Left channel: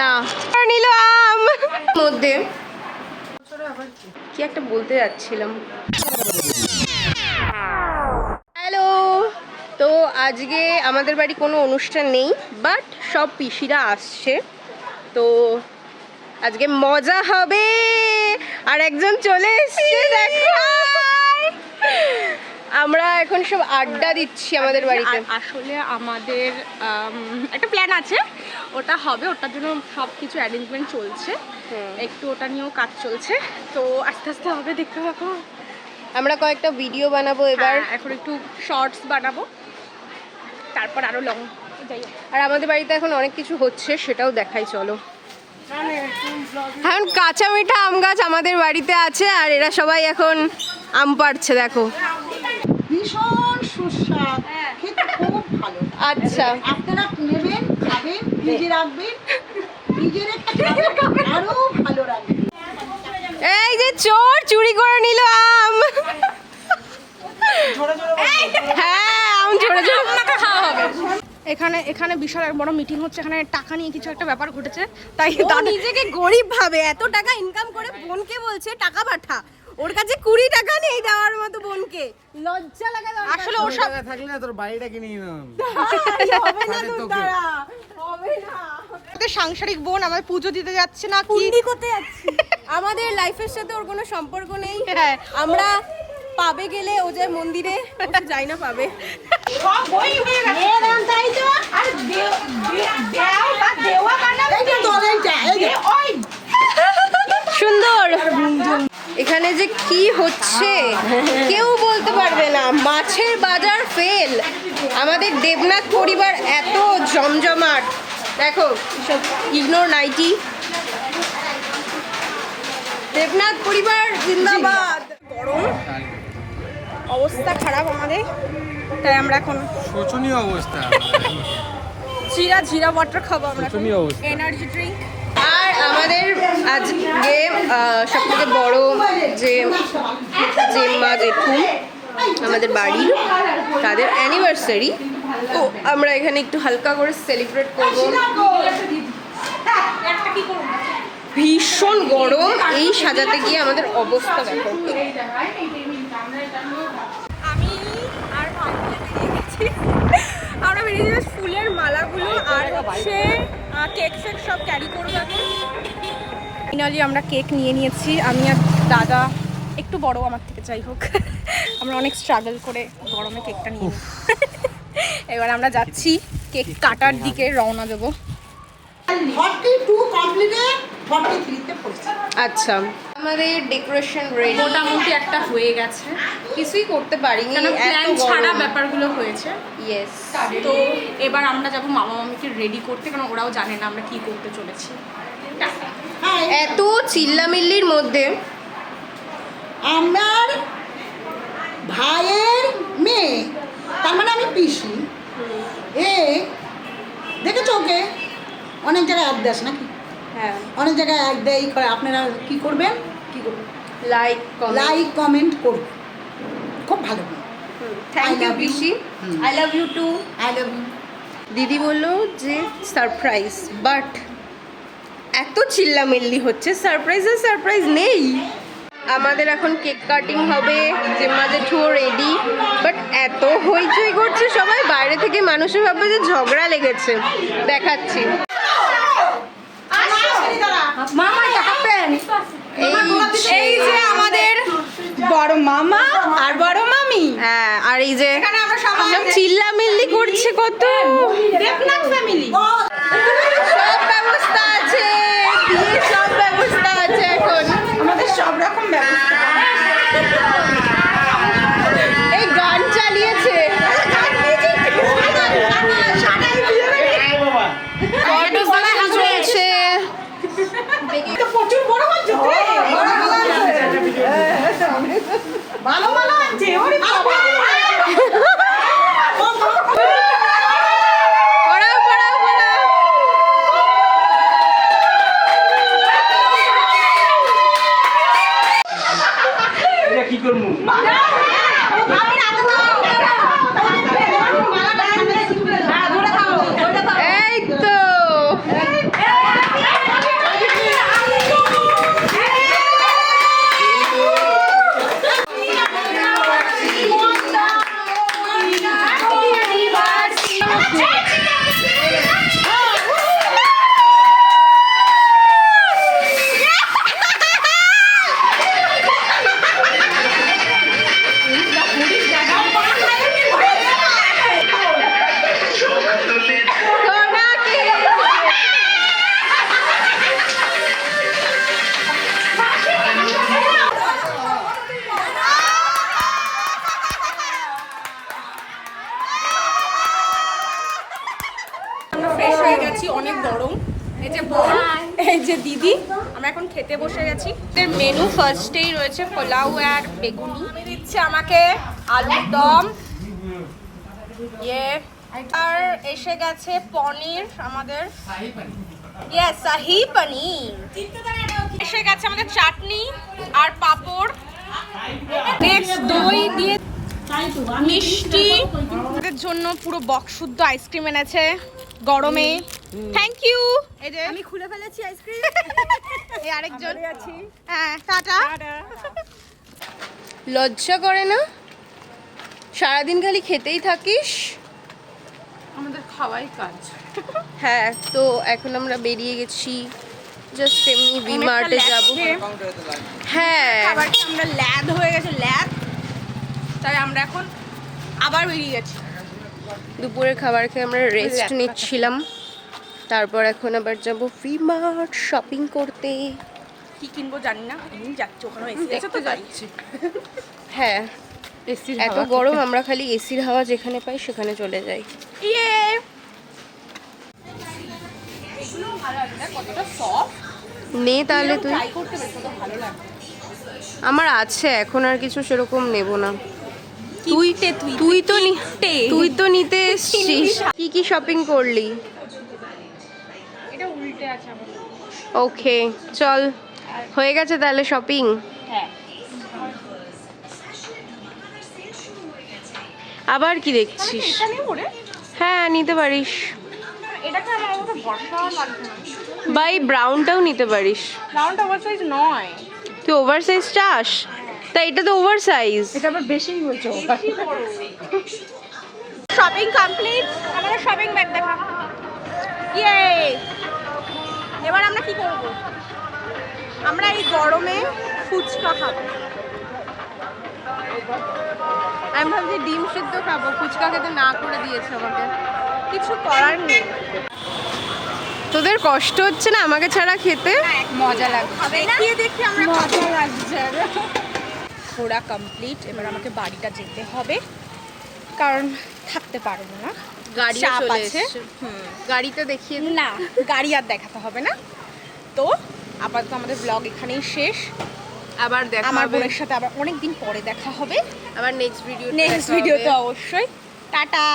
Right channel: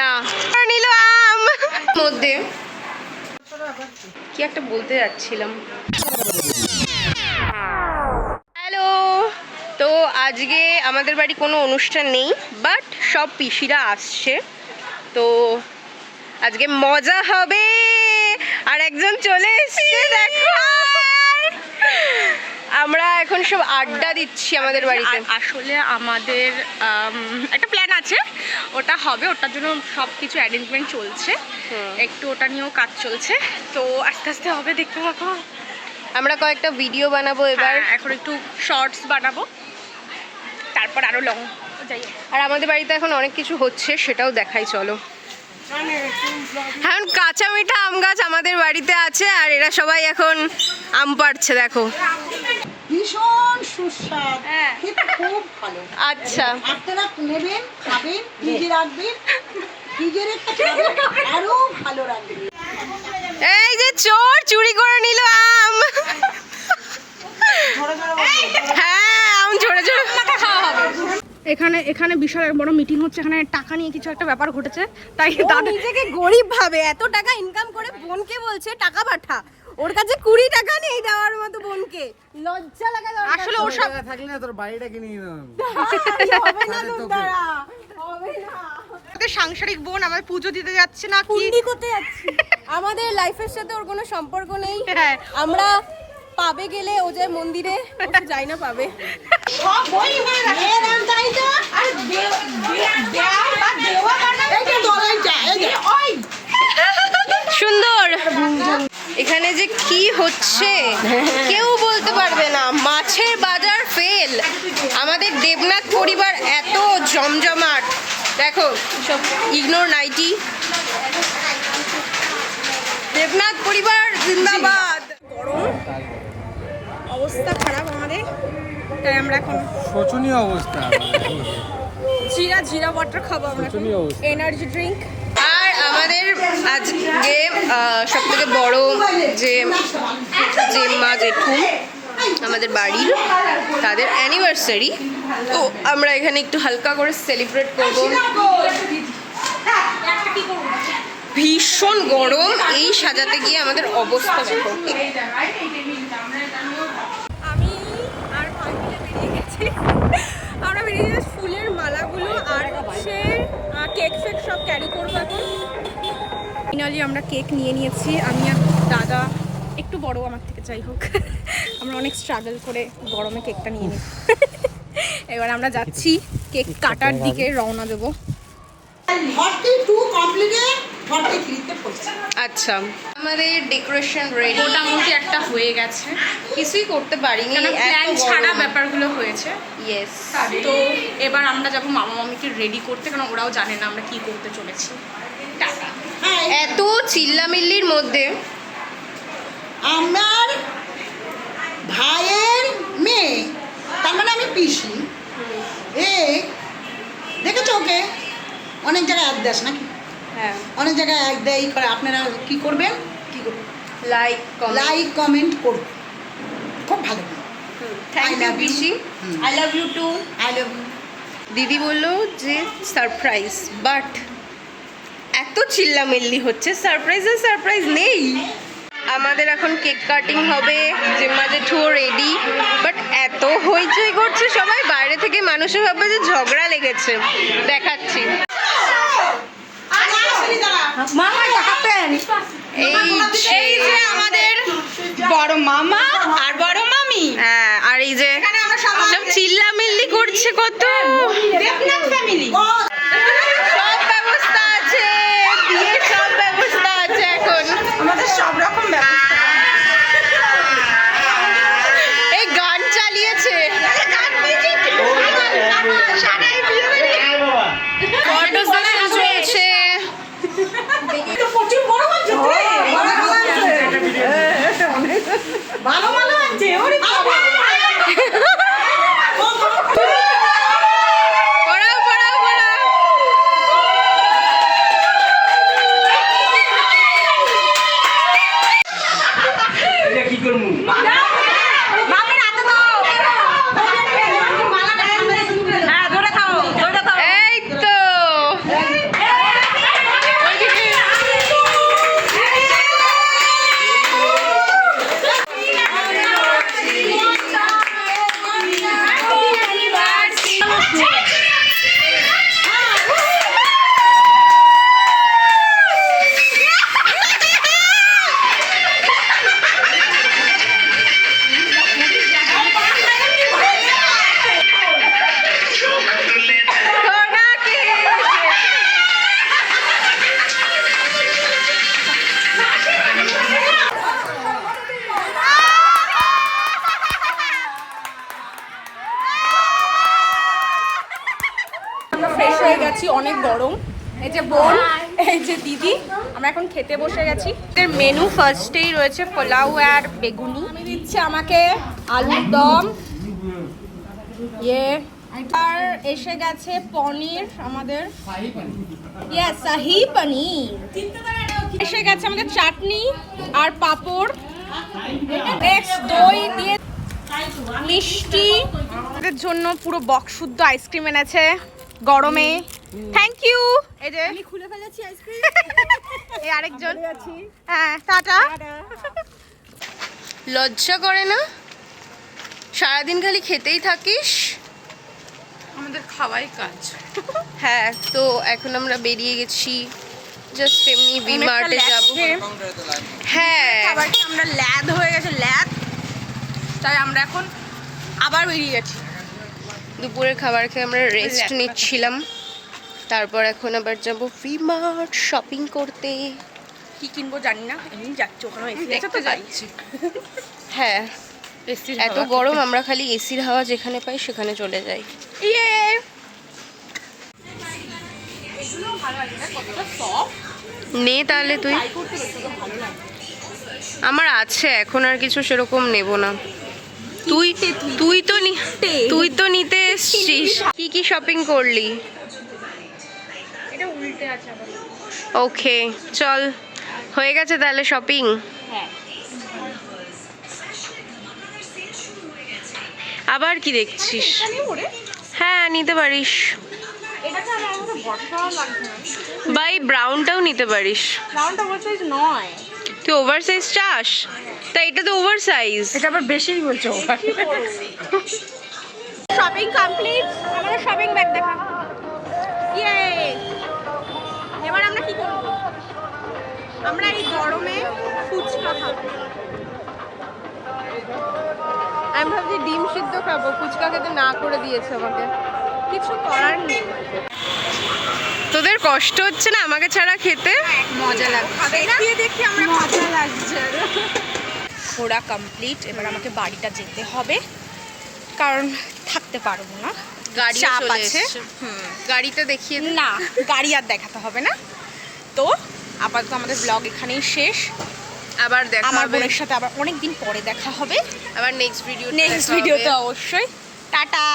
না নিল আম মধ্যে কি একটা বলতে যাচ্ছিলাম। হ্যালো, তো আজকে আমাদের বাড়ি কোনো অনুষ্ঠান নেই, বাট সব পিসিরা আসছে, তো আজকে মজা হবে। আর একজন চলে এসছে, দেখো আমরা এখন সব আড্ডা দিচ্ছি আমাদের বাড়িতে। আসলে আমাদের একটা প্ল্যান আছে, ওটা হবে, ওটার জন্য সব কিছু অ্যারেঞ্জমেন্ট চলছে, একটু ওটা নিয়েও কাজ চলছে, তো আস্তে আস্তে হবে, দেখতে পাবো। আমরা কয়েকটা ভিডিও বানাবো এবার, এখন একটু শর্টস বানাবো, তারপর আরো লং যাই। আর আমাদের বাড়িতে এখন অনেক কিছু হচ্ছে, সেটাও দেখাই, চলো। এখন কাঁচা মিঠা আম গাছ আমাদের বাড়িতে আছে, আর এরা সবাই এখন আম পাড়ছে, দেখো। ভীষণ সুস্বাদ, খেতে খুব ভালো। আচ্ছা, আপনারা নেবেন, খাবেন, ফ্রিজে রাখবেন, ফ্রিজে রেখে আরো ভালো রাখবেন। এই যে চোর চুরি করে নিল আম। হ্যাঁ, আম ঝরে ঝরে খাওয়া হবে। এখানে বিশাল এক বড় মিটিং হচ্ছে, এখানে টাকা নিয়ে কিছু একটা ব্যাপার ঘটেছে, তাই দাদা নিজেকে গরিব ভাবে, এত টাকা ইনকাম করে বোনকে বলছে টাকা পাঠা, ওর কাছে 20 টাকা নেই দেওয়ার মতো বোনকে, লজ্জা লাগা। আসলে ওর সব থাকলে না তোর বাড়িটা কিনে নিলাম। হবে না দুধারা, হবে না। সাংসারিক বোন আমার পুজো দিতে যাচ্ছে না, কুন্ডি করতে যাচ্ছি। আমাদের লাইফের সাথে ওর কোনো সম্পর্ক নেই। আমরা পাবে গেলে ও যায় মন্দিরে, ওটা যাই না পাবে। সব বই হয়ে গেছে, এর চাই তো আর দেও বা দেওয়া মানে এই যে দলাইটা, এই যে ওই সুন্দর। এখানে যে কি হচ্ছে কেউ বলতে পারবে না। মাছের বাজার ফেল, আমাদের দেবনাথ পরিবার এত জমজমাট, দেখো সব ইগনোর নাইটি। দেবনাথ পরিবার জিন্দাবাদ। গরম অবস্থা খারাপ আমাদের, তাই আমরা এখন শোচনীয় অবস্থা। জিরা ওয়াটার খাবো আমরা, শোচনীয় অবস্থা। Energy drink. আর আমাদের আজকে সব থেকে বড় যে জেম্মা জেঠু আমাদের বাড়ির, তাদের অ্যানিভার্সারি, তো আমরা এখানে একটু হালকা করে সেলিব্রেট করব। ভীষণ গরম, এই সাজাতে গিয়ে আমাদের অবস্থা দেখো। আমি আর আমরা বেরিয়ে যাচ্ছি ফুলের মালাগুলো আর হচ্ছে কেক ফেক সব ক্যারি করবো এখন। ফাইনালি আমরা কেক নিয়ে নিয়েছি, আমি আর দাদা, একটু বড় আমার থেকে, যাই হোক আমরা অনেক স্ট্রাগল করে গরমে কেকটা নিয়ে নিই। এবার আমরা যাচ্ছি কেক কাটার দিকে, রওনা দেবো। 42 কমপ্লিটেড, 43 তে পড়ছে। আচ্ছা, আমাদের ডেকোরেশন রেডি, মোটামুটি একটা হয়ে গেছে, কিছুই করতে পারিনি, প্ল্যান ছাড়া ব্যাপারগুলো হয়েছে। ইয়েস, তো এবার আমরা যাবো মামা মামিকে রেডি করতে, কারণ ওরাও জানে না আমরা কি করতে চলেছি। টাটা। এত চিল্লামিল্লির মধ্যে আমার ভাইয়ের মেয়ে, তার মানে আমি পিসি, এ দেখেছো ওকে অনেক জায়গায় এক দেশ নাকি, হ্যাঁ, অনেক জায়গায় এক দেয় ই করে। আপনারা কি করবেন, কি করবেন, লাইক কমেন্ট করুন, খুব ভালো। Thank I you love you. পিসি, হুম। I love you too. I love you. দিদি বললো যে সারপ্রাইজ, বাট এত চিল্লামিল্লি হচ্ছে, সারপ্রাইজ নেই। আমাদের এখন কেক কাটিং হবে, জিম্মা জেঠুও রেডি, বাট এত হইচই করছে সবাই, বাইরে থেকে মানুষে ভাববে যে ঝগড়া লেগেছে। দেখাচ্ছি, এই যে আমাদের বড় মামা আর বড় মামি, হ্যাঁ, আর এই যে সব চিল্লামিল্লি করছে কত। সব ব্যবস্থা আছে, বিয়ের সব ব্যবস্থা আছে এখন, আমাদের সব রকম ব্যবস্থা। এই গান চালিয়েছে, ফটো সেশন চলছে। প্রচুর বড় হচ্ছে, ভালো ভালো আছে। ওরে বাবা, পড়াও পড়াও পড়াও। এটা কি করবো? এই তো আছি, অনেক গরম। এই যে বোন, এই যে দিদি, আমরা এখন খেতে বসে গেছি। এর মেনু ফার্স্টেই রয়েছে পোলাও আর বেগুনি। দিচ্ছে আমাকে আলুর দম, ইয়ে, আর এসে গেছে পনির আমাদের, ইয়েস শাহি পনির। এসে গেছে আমাদের চাটনি আর পাঁপড়, নেক্সট দই দিয়ে মিষ্টি। আমাদের জন্য পুরো বক্স শুদ্ধ আইসক্রিম এনেছে গরমে, থ্যাংক ইউ। এই যে আমি খুলে ফেলেছি আইসক্রিম। এই আরেকজন, হ্যাঁ টাটা। লজ্জা করে না? সারাদিন খালি খেতেই থাকিস। আমাদের খাওয়াই কাজ। হ্যাঁ, তো এখন আমরা বেরিয়ে গেছি, জাস্ট এমনি ভিমার্টে যাব। হ্যাঁ, খাবারটা আমরা ল্যাদ হয়ে গেছে, ল্যাদ, তাই আমরা এখন আবার বেরিয়ে গেছি। দুপুরের খাবার খেয়ে আমরা রেস্ট নিচ্ছিলাম, তারপর এখন আবার যাব ভিমার্ট শপিং করতে। কি কিনবো জানি না, এমনি যাচ্ছি, ওখানে দেখতে যাচ্ছি। হ্যাঁ, এত গরম, আমরা খালি এসির হাওয়া যেখানে পাই সেখানে চলে যাই। ইয়ে, এগুলো ভালো লাগে না, কতটা সফট। নে তাহলে তুই। ট্রাই করতে বেশি ভালো লাগে। আমার আছে, এখন আর কিছু সেরকম নেব না। তুই তুই তো তুই তো নিতে এসছিস। কি কি শপিং করলি? এটা উল্টে আছে আবার। ওকে, চল, হয়ে গেছে তাহলে শপিং। হ্যাঁ, আবার কি দেখছিস? এটা নেবো রে। হ্যাঁ, নিতে পারিস। এটাকে আমার মতো বর্ষা লাগছে না। বাই ব্রাউনটাও নিতে পারিস। রাউন্ড ওভার সাইজ নয়, তুই ওভার সাইজ চাস? তা এটা তো ওভার সাইজ। এটা আবার বেশিই বলছো। Shopping complete. আমাদের শপিং ব্যাগ দেখা। ইয়ে, এবার আমরা কি করব? আমরা এই গরমে ফুচকা খাবো। আমি ভাবছি ডিম সিদ্ধ খাবো, ফুচকা খেতে না করে দিয়েছে আমাকে। কিছু করার নেই। তোদের কষ্ট হচ্ছে না আমাকে ছাড়া খেতে? মজা লাগছে, দেখিয়ে দেখি আমরা মজা লাগছে। ঘোরা কমপ্লিট, এবার আমাকে বাড়িটা যেতে হবে, কারণ থাকতে পারবো না, গাড়ি চাপ চলে আছে। এসছে। গাড়িটা দেখিয়ে দে। না, গাড়ি আর দেখাতে হবে না। তো আপাতত আমাদের ব্লগ এখানেই শেষ। আবার দেখা আমার হবে। বোনের সাথে আবার অনেক দিন পরে দেখা হবে আবার নেক্সট ভিডিও নেক্সট ভিডিওতে অবশ্যই। টাটা।